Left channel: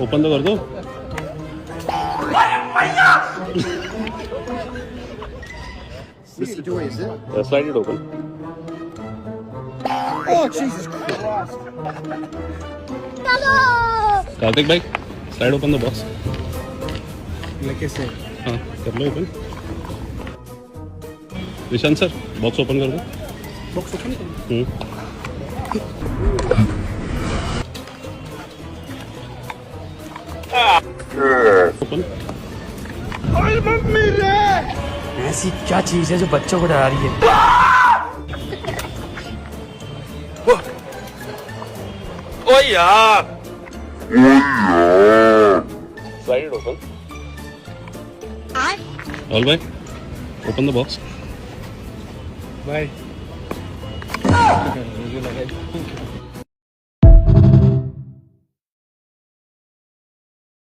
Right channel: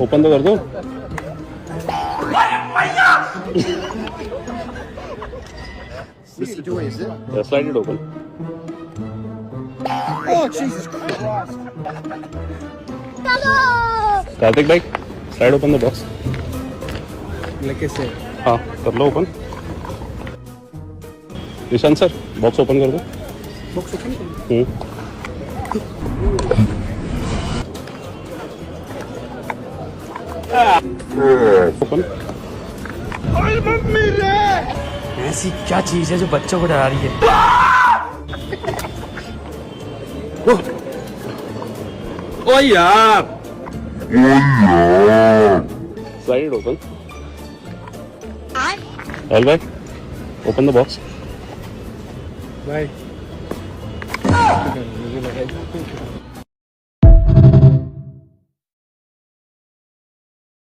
Open तो कर दो। This door, is it? Slide it open. Oh, Jesus Christ. Kartik भाई, slide open the box. Like I said. हाँ, कर लो open. Nishant sir, box open कर दो। Box open? ओपन। ऐसी क्या चीज है जो बच्चों को डरा रही है? ओ यार। Slide it open. All right. Open the box. Bye.